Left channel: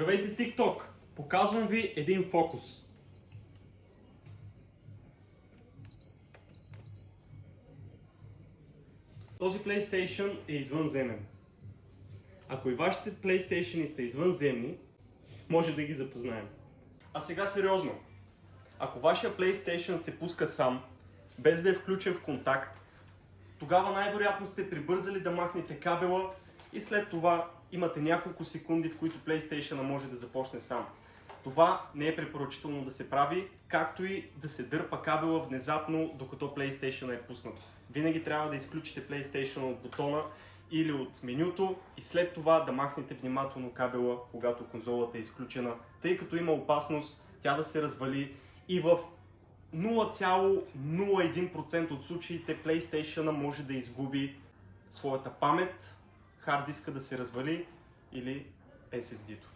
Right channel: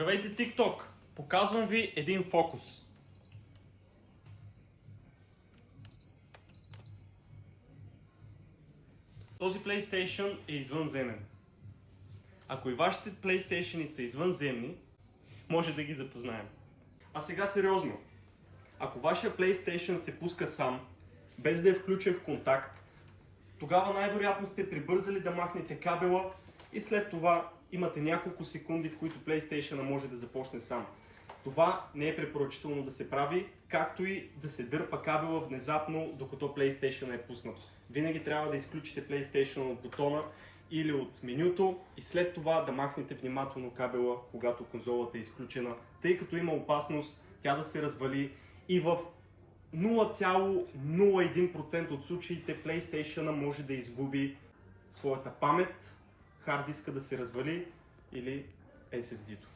Здравейте, TikTok! Показвам ви един фокус. Този PlayStation е извънземен. Ако и вашите PlayStation са извънземни, може да ги запознаем. А сега сериозно. Ако вашия PlayStation се пуска сам, без да е включен в контакт, тогава най-вероятно сте прибързали да махнете кабела и след това имате няколко секунди, в които PlayStation може да започне сам. Това не е препоръчително да се прави, както и да се дърпа кабела внезапно, докато PlayStation е пуснат. Винаги трябва да изключите PlayStation от бутона или от менюто и след това да махнете внимателно кабела, когато конзолата е изключена, тъй като има опасност тя да се развали и в 0,01% от случаите PlayStation може да изгуби своята памет, хард диска да се развали или SSD-то.